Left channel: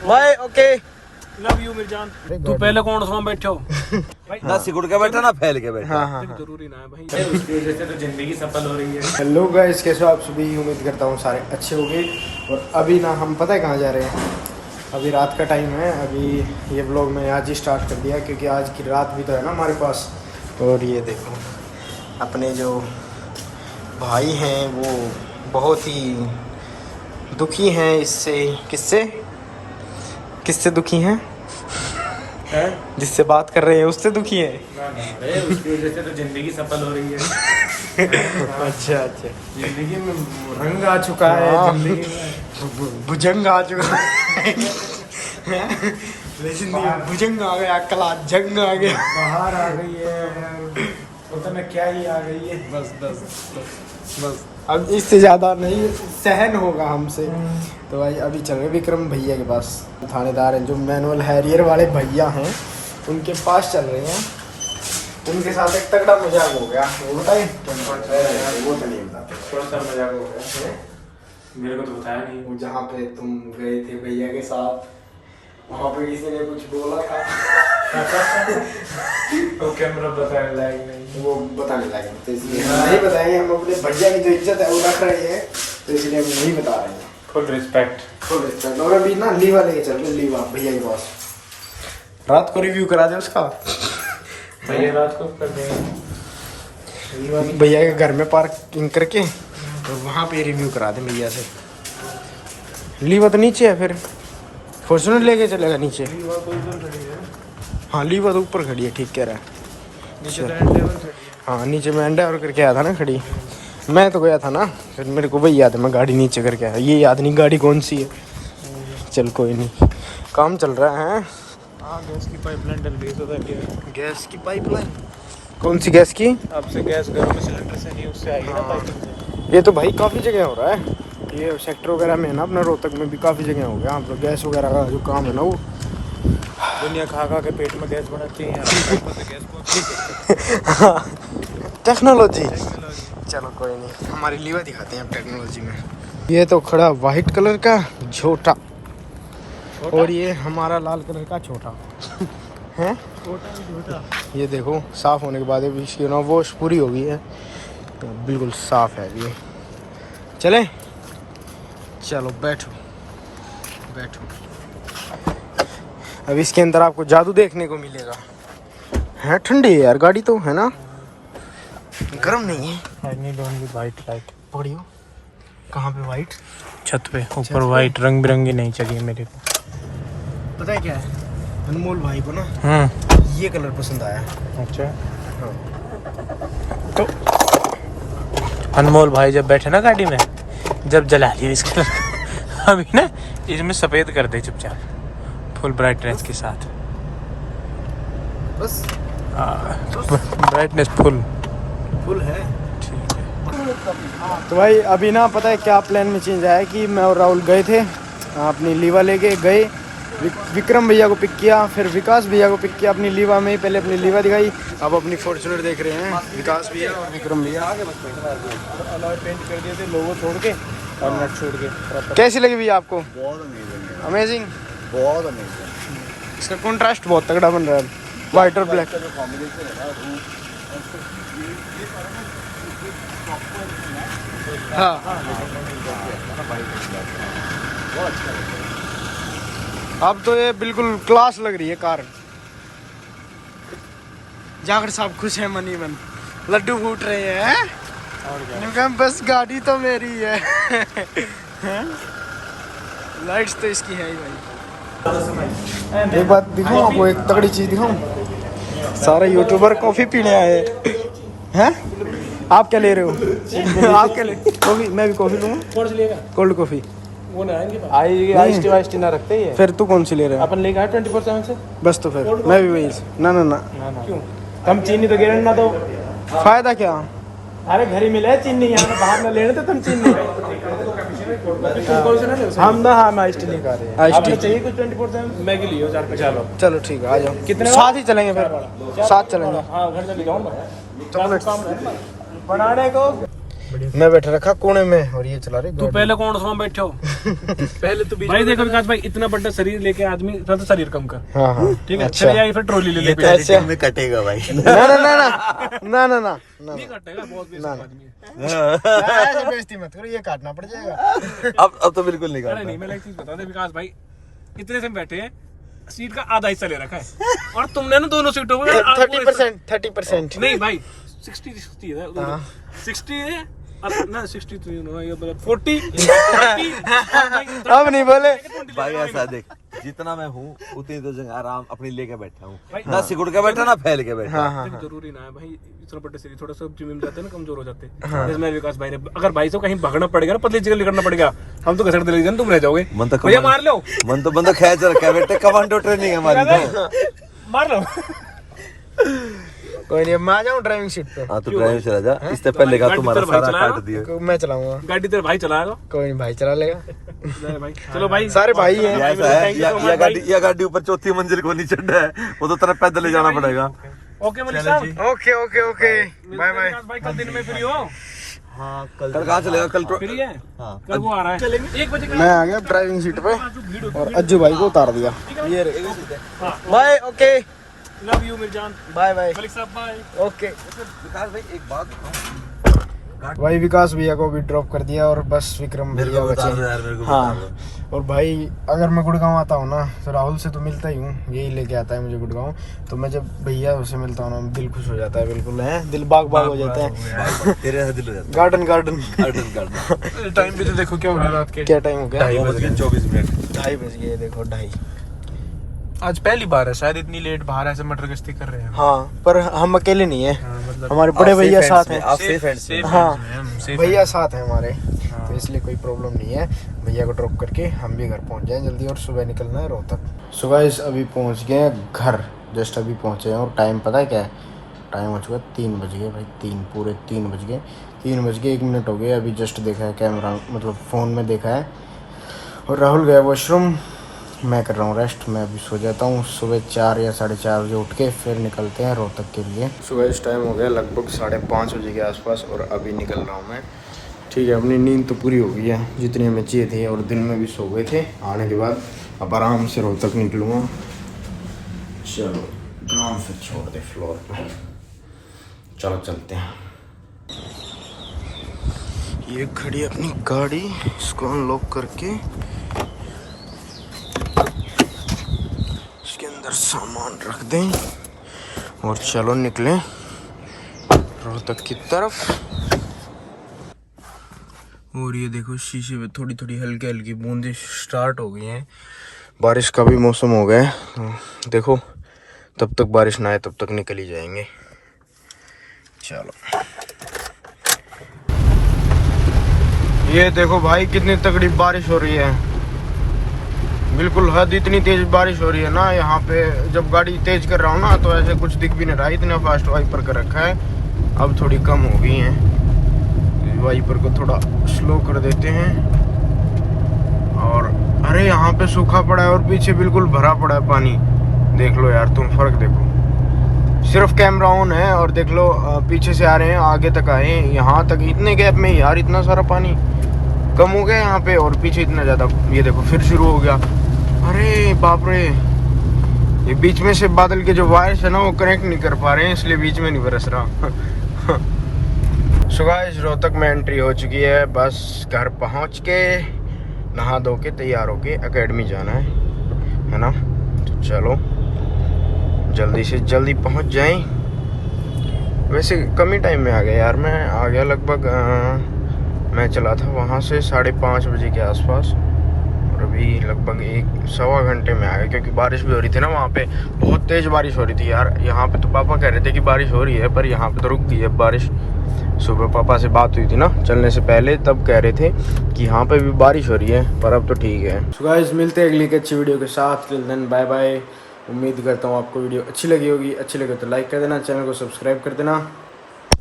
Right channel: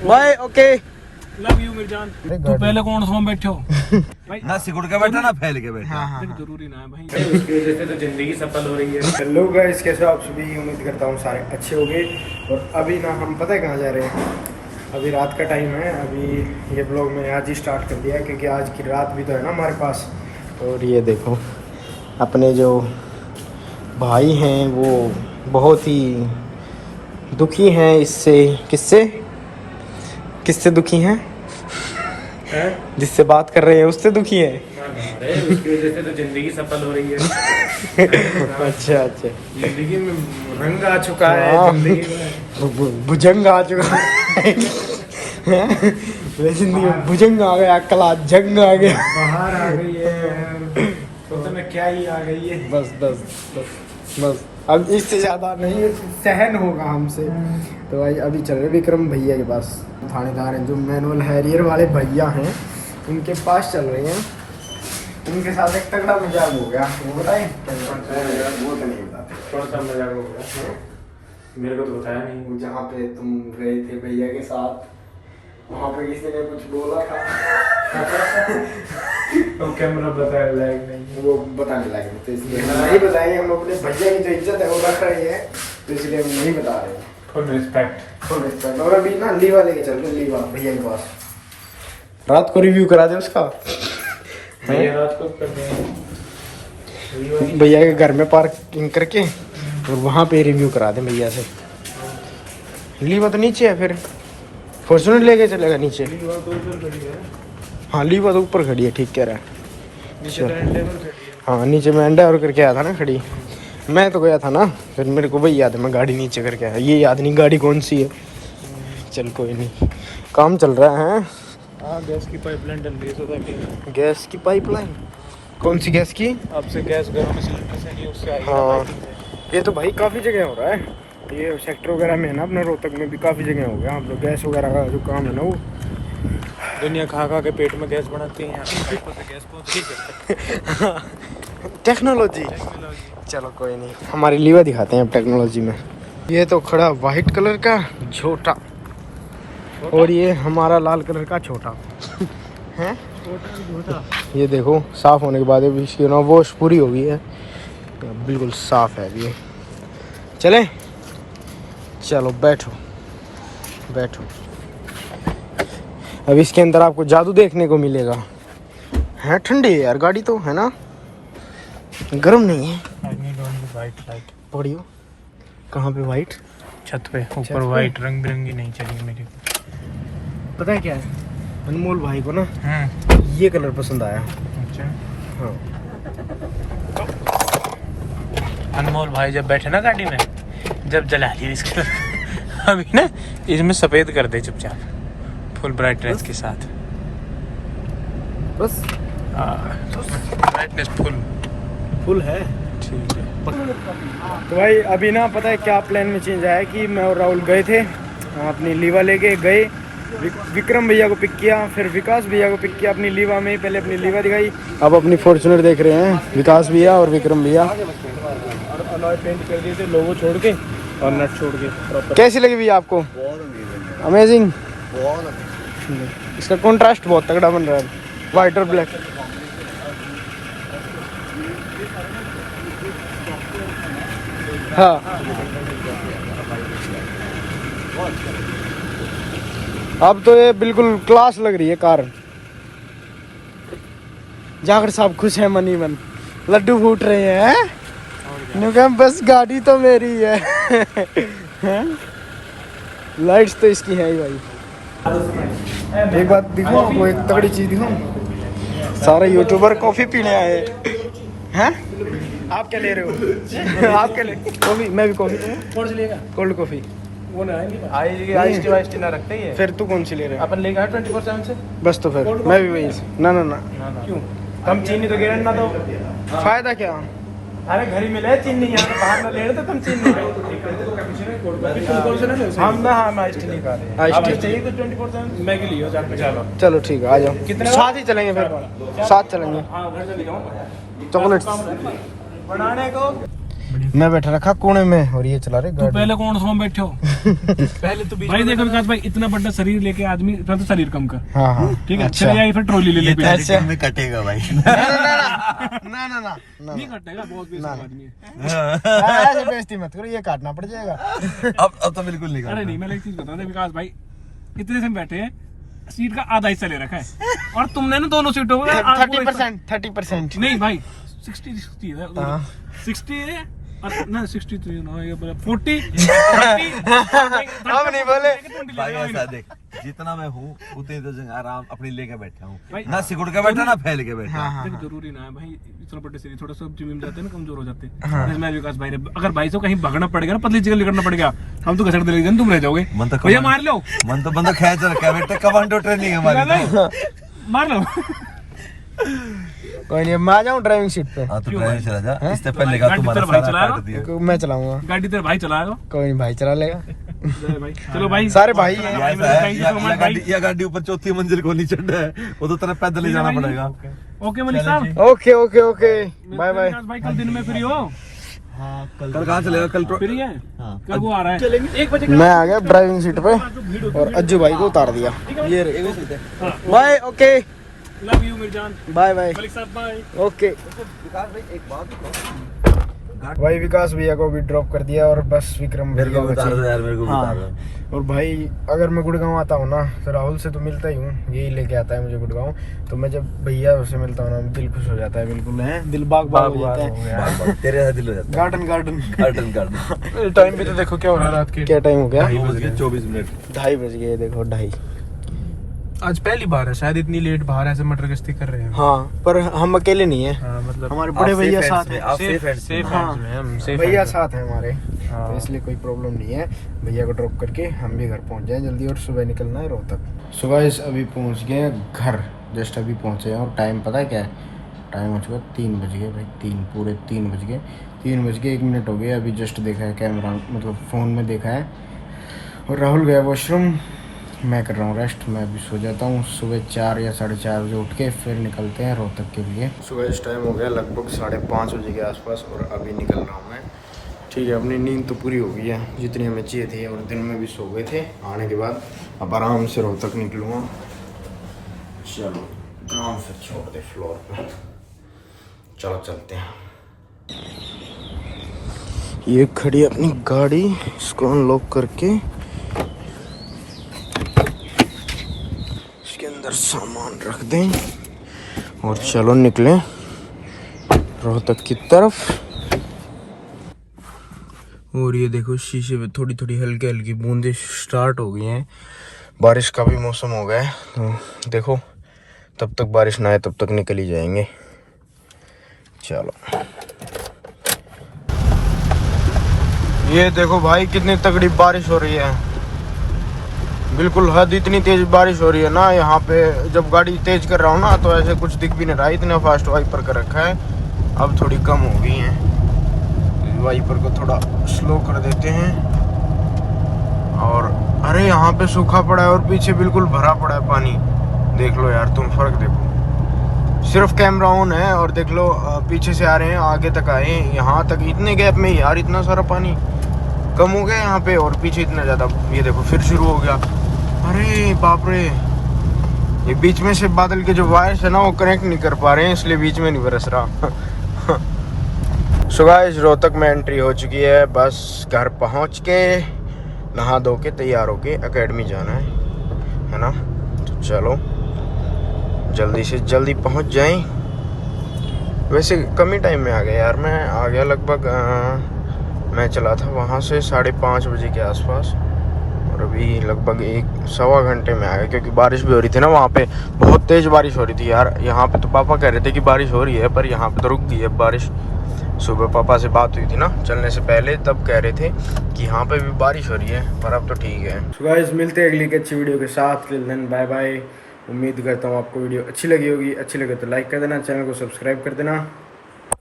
Bye okay love you मेरी जान। तू पहले कौन सा बैठो भाई ना सिकुड़ के बैठा ना फैल के बैठा। हाँ जरूरी ना है भाई, उसकी वजह से तो जिंदगी सफल हो रही है। हेलो गाइस, कैसे हो आप सभी? उम्मीद करता हूँ सारे अच्छे होंगे। और अभी ना हम पता है कहाँ जा रहे हैं? अभी रात का टाइम है। अभी ये ब्लॉग मैंने आज ही स्टार्ट कर दिया क्योंकि आज की रात भी तो है ना हमारे पास। और ये देखो अपने जो भाई हैं वो बहुत ही दुखी हैं इससे। किससे दुखी हैं? जिससे बात कर रहे हैं उससे दुखी है। उसकी वजह से तो जिंदगी सफल हो रही है। अच्छा जिंदगी में रंग आ चुका है, जिंदगी में भुजंग आ चुका है। जिंदगी में भुजंग आ गया, कला जंग आ गया, बाहर आ गई है तो मैं क्या ही आ गई है। बस अब इससे ज़्यादा नहीं सहन होगा हमसे। तो भाई अभी चल रहे विक्रम भैया के पास। थानेदार हैं जो मैनुअल हैरियर वाले भैया हैं, उनके पास चल रहे हैं। उनके साथ एक तगड़ा मजाक हो गया। वो बताएं? वो तो नहीं बताते। कौन सा मजाक हो गया? मेरे को तो बताया नहीं। जहाँ पे तुम गए थे भैया के साथ, वहाँ पे किसी ने कुछ बोला था। तो कैमरा बताया लाइक नहीं, वो बताने लगे तो इसलिए हम नहीं बताएं। हम अपने भैया की जो इज्जत है वो रख रहे हैं, तो इसलिए हम नहीं बता रहे हैं। Full respect. और अभी ना लीवा लेके चल रहे, लीवा भैया के पास। रात को रिव्यू करा दे उसका। रात को करते हैं भैया के घर में पार्किंग करके और वहाँ पे रिव्यू करा दे भैया से। लीवा तो नीचे है, फिर फॉर्च्यूनर लेके चलेगा नीचे। हाँ लीवा तो ऊपर खड़ी है, ठीक कह रहा है। हाँ नीचे में अंडा और करके आया था ना खड़ी। मैं तो गया था ना, फिर मेरे को वही याद है, मैं गाड़ी नीचे करके आया। ये याद नहीं गाड़ी कौन सी है। चल कोई नहीं, काम चल रहा है। हाँ गैस की पाइपलाइन डल रही है। गैस की पाइपलाइन? कौन सी गैस की? आपसे गैस गर्म सिलेंडर से नहीं, उससे आएगी। हाँ ये तो भाई काफ़ी जगह हो रहा है। ये सेक्टर वगैरह में ना, अपने रोहतक में भी काफ़ी जगह हो गया। तो गैस वगैरह का जो काम है ना, वो दुनिया खा के पेट में गैस बनाते हैं यार, पाइपों से गैस पहुंच नहीं सकता। टेक्नोलॉजी। चलो कोई नहीं, हमारी लीवर दिखाते हैं अब टेक्नोलॉजी में। ये तो खड़ा वाइट कलर का छोटा, और ये हमारा लाल कलर का छोटा। हाँ छोटा। ये देखो साफ़ होने के बाद अभी इसकी ना वॉश पूरी हो गई है, बिल्कुल साफ़ है अभी। चले चलो बैठो। अब इसके अंदर आपको जादू देखने को मिलेगा। है ठंडी है यार गाड़ी तो, है ना, गर्म नहीं है। वाइट लाइट पकड़ियो। कहाँ पे वाइट? छत पे ऊपर वाइट रंग बिरंगी नहीं चाहिए मेरे को। पता है क्या है, अनमोल भाई को ना हाँ ये कलर पसंद आया। अच्छा हाँ अनमोल भाई जब बैठे ना गाड़ी में, जब जला लिया इसका अभी ना इसमें सफेद कर दे चुपचाप, फुल ब्राइटनेस के साथ। बस ब्राइटनेस फुल है, ठीक है। तो भाई अभी ना पता है क्या प्लान में चेंज आया कि मैं और राहुल गए थे अपनी लीवा लेके गए। विक्रम भैया को पिक किया, फिर विकास भैया को पिक किया अपनी लीवा में। पहले अपनी लीवा दिखाई, अब अपनी फॉर्च्यूनर देख रहे हैं विकास भैया और विक्रम भैया। अलॉय पेंट कर दिए थे, लोगो छोड़ के और नट छोड़ के। कैसी लगी भैया आपको? अमेजिंग। इसका कॉन्ट्रास्ट बहुत तगड़ा बन रहा है, वाइट और ब्लैक। हाँ अब तो ये बिल्कुल क्लास लग रही है कार। जाकर साहब खुश है मनी मन, लड्डू फूट रहे हैं। बस गाड़ी तो मेरी है। लाइट्स तो इसकी है ही भाई। एक बात दिखाऊं आपको, एक तगड़ी चीज दिखाऊं। सारे यूट्यूबर कॉफी पीने आए हैं। आप क्या ले रहे हो? आप क्या ले? कॉफी? मैं भी कॉफी लूँगा, कोल्ड कॉफी। वो ना आइस टी ना रखते ही है। फिर तू कौन सी ले रहा है? अपन लेगा 24/7 से। बस तो फिर मैं भी वही। ना क्यों? कम चीनी तो गारंटी ना दो। फायदा क्या? अरे घर ही मिले चीनी, यहाँ बाहर ना ले रहे तो तुम चीनी हम ना। हम आइस टी नहीं खा रहे। आइस टी चाहिए तो 24/7 मैगी लियो 450। चलो ठीक है, आ जाओ। कितने साथ ही चलेंगे, फिर साथ चलेंगे। हाँ घर से दिखाऊंगा चॉकलेट्स बनाने को। मैं बैठा रखा कोने में और ये चला रहे तू गाड़ी। पहले कौन उसमें बैठो पहले तो भाई देखो विकास भाई इतना बड़ा शरीर लेके आदमी तो शरीर कम कर हाँ हाँ ठीक है अच्छा। चले आई फिर ट्रॉली ले ले पीछे। अच्छा में कटेगा भाई। ना ना ना ना ना ना ना ना नहीं कटेगा बहुत बेइज्जत आदमी है। ऐसे बेइज्जती मत करो, ये काटना पड़ जाएगा। अब तो बिल्कुल नहीं अरे काटना। नहीं मैं एक चीज बताऊं दे विकास भाई इतने से बैठे हैं सीट का आधा हिस्सा ले रखा है और तुमने ना दोनों सीटों में 30% नहीं भाई 60 है हाँ। 60 ना 63 नो ये 40 अब नहीं बोले। भाई ऐसा देख, जितना मैं हूँ उतनी तो जगह आराम अपनी लेके बैठा भाई, हूँ, ना सिकुड़ के बैठा ना फैल के बैठा। हाँ हाँ देखो जरूरी ना है भाई इतना बड़े शरीर थोड़ा सा जिम में जाते हैं ना कमजोर हो जाते हैं इसमें विकास भाई ने अगर भाई से कहीं भागना पड़ेगा ना पतली जगह करना पड़ेगा हम तो घसड़ दे तुम रह जाओगे मन तो भैया मार लो मन तो बंदा खींच रखा है बेटे, कमांडो ट्रेनिंग है हमारी तो। मार लो कोई नहीं, मैं आ जाऊँ ड्राइविंग सीट पे। हाँ तो ड्राइवर चला जा, इससे पहले का तुम्हारा भाई सारा चलाएगा? काट दिया। मैं चलाऊंगा, गाड़ी तेरे भाई चलाएगा कोई नहीं भाई चला लेगा। भाई चलो भाई सारे भाई हैं। ये ऐसा है, या गाड़ी ऊपर चौथी मंजिल को नहीं चढ़ना है, वो तो तरफ पैदल ले जाना पड़ेगा। ओके मलिक साहब okay okay okay bye bye. Vikas भाई कल दिन में फ्री हो हाँ कल कहाँ चलेगा? कल फ्री है हाँ। कल वो आ रहा है 1 बजे मैं आ गया ड्राइविंग सीट पे और अज्जू भाई को उतार दिया। Bye okay love you Mirzan bye bye Malik साहब बाय ओके विकास भाई एक बात बताऊं, भाई विकास भैया को भी ड्रॉप कर दिया और बस विक्रम मेरे भैया को बता दो बचे। यार, मेरे को हाँ। बता दो। और भाई अगर मैं गुड़गांव आता हूँ ना तो राहुल से तो मिलता ही हूँ, यही लेके आता है मुझे गुड़गांव। तो मैं जब भैया से मिलता हूँ ना दिल खुश हो जाता है, बिल्कुल है दिल बाग बाग हो जाता है। बाल तेरे साथ दिल हो जाता गार्डन गार्डन है। Garden garden. टाइम पे तो देखो क्या हो रहा है रात के। क्या टाइम हो गया? 2:24 2:30 बज गए, देखो 2:30। आज पहली बार है शायद इतनी लेट बाहर ऐसे मटर गश्ती कर रहे हैं। हाँ पर हम अकेले नहीं है, हमारे बड़े भैया साथ हैं। आप सेफ हैंड्स में। हाँ safe भैया साथ है हमारे, तो इसलिए कोई प्रॉब्लम नहीं है। भैया को ड्रॉप करके हम भी घर पहुंच जाएं जल्दी और सुबह निकलना है रोहतक। सुबह इस अभी पहुंच गए हैं घर, जस्ट अभी पहुंचे हैं और टाइम पता है क्या है? टाइम हो चुका 3 बज गए भाई, 3 बज गए 3:01 हो गए। अभी जस्ट देखा है कैमरा मतलब फ़ोन में देखा है। और राहुल गया वॉशरूम, मैं कर रहा हूँ रेस्ट। मैं अभी सो जाता हूँ, सुबह 4 या 4:30 बजे उठ के फिर निकलते हैं रोहतक के लिए। सुबह इस टाइम हो गया लगभग 5:30 बजे के आसपास और अभी निकल रहा हूँ मैं। ठीक है, अपनी नींद तो पूरी हो गई है जितनी हमें चाहिए थी और दिन में भी सो गए थे। आने के बाद अब आराम से रोहतक निकलूँगा। चलो आराम से छोड़ दे फ्लोर पे, चलो चलते हैं। ये खड़ी अपनी गाड़ी, इसको अनलॉक करके अंदर सामान रख दें और चलो निकलें रोहतक की तरफ। और ये देखो शीशे में थोड़ी थोड़ी हल्की हल्की बूंदें स्टार्ट हो गई हैं। बारिश का भी मौसम हो गया है, तो देखो तब तक बारिश ना आए तब तक निकल ही जाएंगे। चलो ये देखो भाई कितनी तगड़ी बारिश हो रही है, बिल्कुल हद इतनी तेज बारिश हो रही है ना। यहाँ पे जब गाड़ी तेज कर रहा हूँ ना तो ऐसे कुछ दिख भी नहीं रहा, इतना फास्ट वाइपर कर रखा है। अब थोड़ी कम हो गई है, वाइपर को थोड़ा स्लो कर देते हैं। और अरे यहाँ पे सूखा पड़ा है और पीछे बिल्कुल भरा पड़ा है पानी। देख लो यार तुम फर्क देखो, सिर्फ कैमरा ऑन है और देख लो पीछे से आ रहे हैं आगे तक आए हैं, यहाँ तक इतने गैप में यार इतना सारा पानी कम हो गया यहाँ पे और पीछे इतना ज्यादा। ये देखो फिर शुरू हो गया, अरे बाप रे। ये बीच में से बादल के जो वायर्स है ना वो कनेक्ट नहीं कर पा रहे हैं, इसलिए बीच में नहीं बरस रहा। सो गाइस रोहतक में एंट्री हो चुकी है, बस घर पहुंच के नहा धो के तैयार होके एकेडमी जाना है ना। तो चलो जल्दी से जल्दी पहुंच जाएं। वैसे कम ही टाइम में आ गया यार, मैं आ गया लगभग मैं चला था वहाँ से 5:30 बजे के आसपास और अभी लगभग 1-1.25 घंटे में आ गया, क्योंकि बारिश भी हो रही थी ना वहाँ पे, बहुत तेज़ बारिश हो रही थी यार। यहाँ पे तो पापा कह रहे थे कि बारिश हो रही है पर यहाँ पे तो रुक गई है बारिश। सुबह पापा से बात हुई थी ना चलने से पहले, तब कह रहे थे कि यहाँ पे भी बारिश हो रही है, पर अब तो ठीक है। सो गाइस मिलते हैं अगली एक अच्छी वीडियो के साथ, टिल देन बाय बाय। उम्मीद करता हूँ आपको वीडियो अच्छी लगी होगी, अच्छी लगे तो लाइक कर देना, चैनल को सब्सक्राइब कर देना।